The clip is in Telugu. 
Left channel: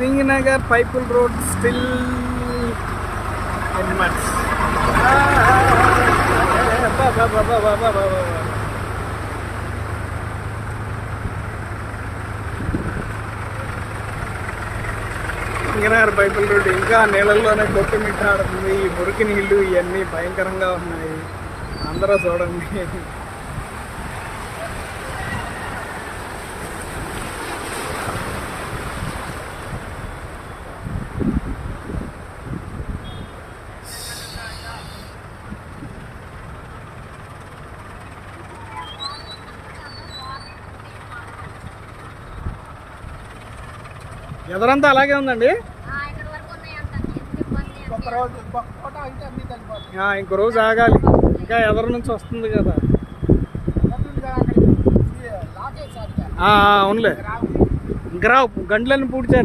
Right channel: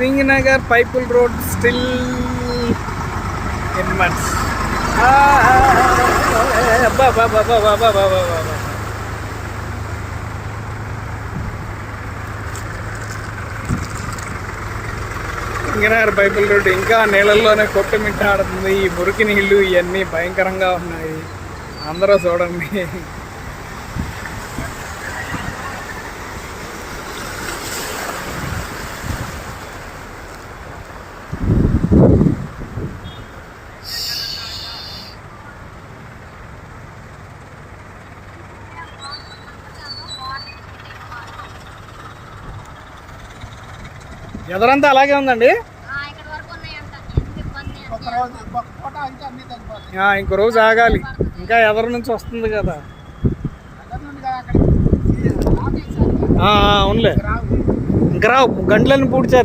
సింగనగర్ పైపుల్ road still in much. Singhnagar పైపుల్ రోడ్ ఇంకా నీళ్ళల్లోనే కొట్టుమిట్టాడుతుంది. ఈ మురికి నీళ్ళు ఇవన్నీ భయంకరంగా ఉన్నాయి. అందరూ చూడండి. ఎదురంతా అలాగే ఉందండి. ఇంకో రోజు ఆగాలి, ఇంకా ఎదరు నుంచి వస్తుంది కదా. అవునులే, ఇంకా రావు, గంటలను పూడ్చారు.